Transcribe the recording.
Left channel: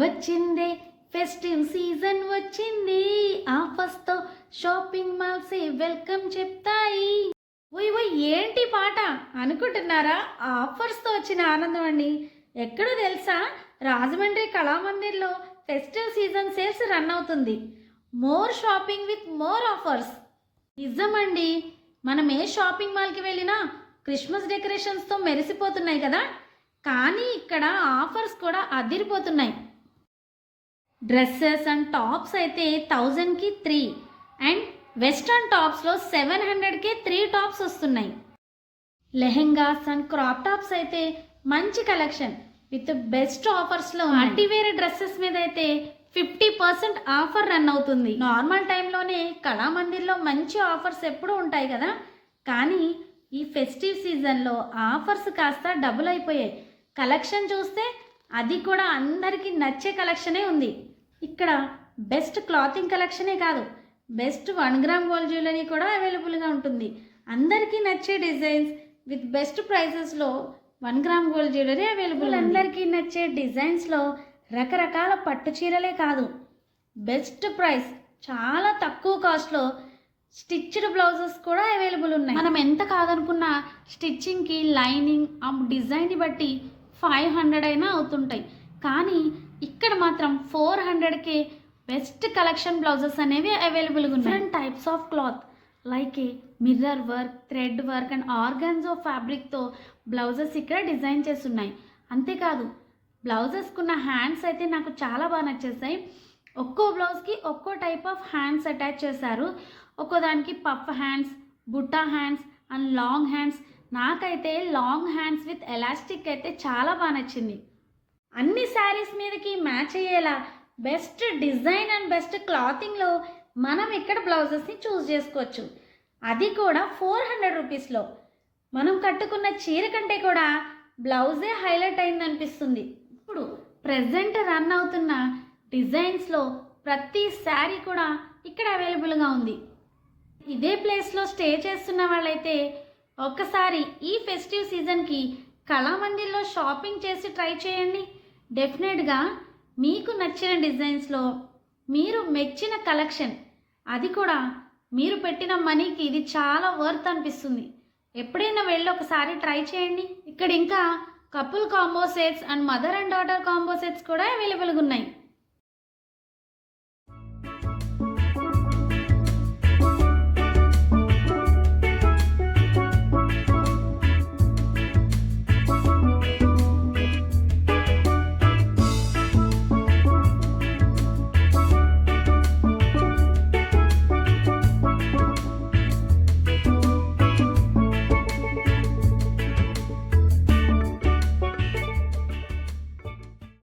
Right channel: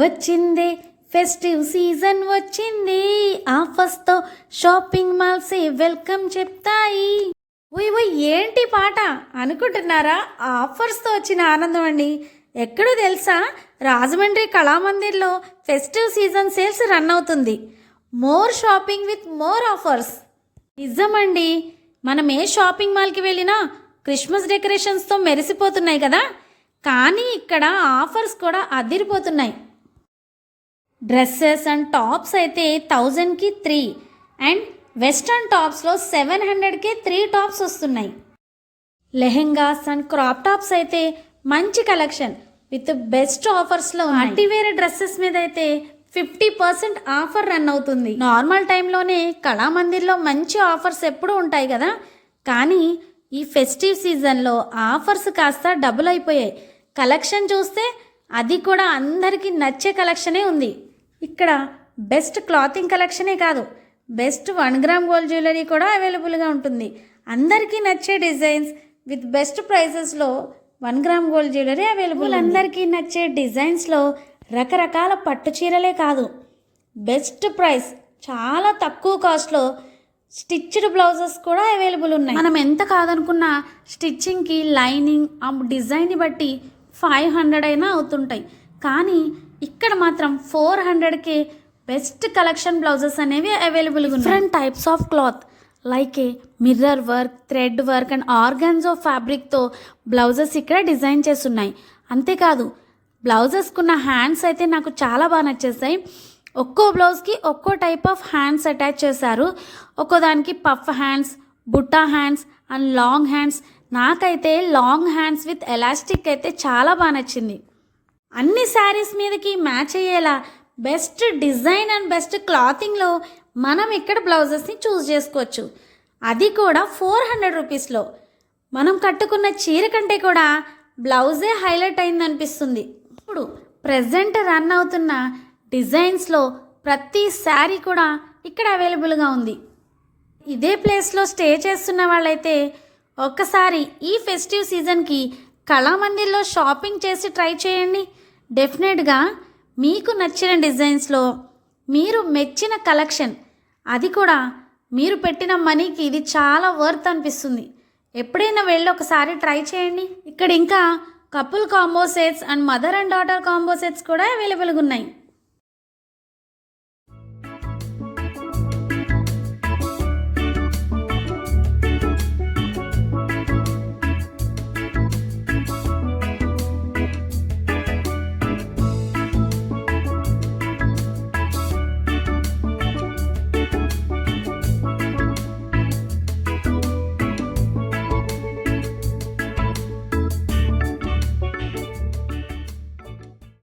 వచ్చింది festive season వచ్చింది, ఆఫర్స్తో shopping మాల్సే welcome చెప్తాయి. ఉయ్ ఉయ్ ఏంటి పాట అనుకుంటున్నారా? ఆఫర్స్తో వచ్చిన ఆనందం అండి. ఎక్కడో తెలుసా, రాజమండ్రి కళామందిర్లో ఫెస్టివ్ సీజన్ సేల్స్ రన్ అవుతుంది. More shopping with more offers. నిజమండి, మనం ఏ షాపింగ్ మాల్కి వెళ్ళినా క్రిస్మస్ డెకరేషన్స్తో మెరిసిపోతున్నాయి కదా, కానీ ఇక్కడ ఆఫర్స్ కూడా అదిరిపోతున్నాయి. డ్రెస్సెస్ అండ్ టాప్స్ అయితే 1000కి 3 అండ్ వెస్ట్రన్ టాప్స్లో 700కే 3 టాప్స్ వస్తున్నాయి. లెహెంగాస్ అండ్ క్రాప్ టాప్స్ అయితే మంచి కలెక్షన్ విత్ బెస్ట్ ఆఫర్స్లో. పార్టీవేర్ డ్రెస్సెస్ మీద అయితే 50% ఆఫర్ రన్ అవుతుంది. నార్మల్ టైంలోనే కళామందిర్లో మంచి ఆఫర్స్ ఎప్పుడూ ఉంటాయి కదా, కానీ ఈ ఫెస్టివ్ సీజన్లో ఆఫర్స్ కాస్త డబుల్ అయిపోయాయి. కలెక్షన్ చూస్తే అది కూడా అందరికీ నచ్చే కలెక్షనే ఉంది. ఇక్కడ బెస్ట్ క్లాతింగ్ కలెక్షనే కాదు, బెస్ట్ 1 గ్రామ్ గోల్డ్ జ్యువెలరీ కూడా అవైలబుల్గా ఉంటుంది. అందరికీ నచ్చే డిజైన్స్ విత్ బెస్ట్ ప్రైసెస్లో 1 గ్రామ్ గోల్డ్ జ్యువెలరీ అవైలబుల్. అందరికీ నచ్చే డిజైన్స్లో రకరకాల పట్టు చీరలే కాదు, బెస్ట్ ప్రైస్ చాలా తక్కువ కాస్ట్లో స్టిచ్డ్ బ్లౌజెస్ కూడా అవైలబుల్ ఉన్నాయి. మనం ఎంత కాదనుకున్నా స్టిచ్చింగ్కి లైనింగ్ ఆ డిజైన్ని బట్టి 500 అయినా అవుతుంటాయి, కానీ ఇక్కడ మాత్రం 400కే బెస్ట్ కలెక్షన్ బ్లౌజెస్ అనేవి అవైలబుల్గా ఉన్నాయి. Different types of cloth like a mirror work, thread work and organza ఫ్యాబ్రిక్తో బ్లౌజెస్ ఇక్కడ డిజైన్ చేస్తున్నాయి. అంతేకాదు బ్లౌజెస్కున్న హ్యాండ్స్ అయితే నాకు చాలా బాగా నచ్చేసాయి. ఒక్కో బ్లౌజ్కి ఒక్కో టైప్ ఆఫ్ హ్యాండ్స్ అటాచ్ చేశారు. ఒక్కో దానికి పఫ్ హ్యాండ్స్, బుట్టా హ్యాండ్స్ అండ్ లాంగ్ హ్యాండ్స్. నాకైతే లాంగ్ హ్యాండ్స్ విత్ ఎలాస్టిక్ అయితే చాలా బాగా నచ్చింది. అన్ని శారీస్ మీదకి మ్యాచ్ అయ్యేలా బెస్ట్ డిజైన్ అండ్ బెస్ట్ క్లాతింగ్లో మనం ఇక్కడ బ్లౌజెస్ని చూస్ చేసుకోవచ్చు. అది కూడా 400 రూపీస్లో. మనం కట్టుకున్న చీర కంటే కూడా బ్లౌజే హైలైట్ అయింది అనిపిస్తుంది. ఇప్పుడు ప్రెజెంట్ రన్ అవుతున్న డిజైన్స్లో ప్రతి శారీ కూడా ఇక్కడ అవైలబుల్గా ఉంది. ఇదే ప్లేస్లో స్టే చేస్తున్న వాళ్ళైతే ఒక్కసారి ఈ ఫెస్టివ్ సీజన్కి కళామందిర్లో షాపింగ్ చేసి ట్రై చేయండి. డెఫినెట్గా మీకు నచ్చిన డిజైన్స్లో మీరు మెచ్చిన కలెక్షన్, అది కూడా మీరు పెట్టిన మనీకి ఇది చాలా వర్త్ అనిపిస్తుంది. ఎప్పుడైనా వెళ్ళి ఒకసారి ట్రై చేయండి. ఇక్కడ ఇంకా couple combo sets and mother and daughter combo sets కూడా అవైలబుల్గా ఉన్నాయి.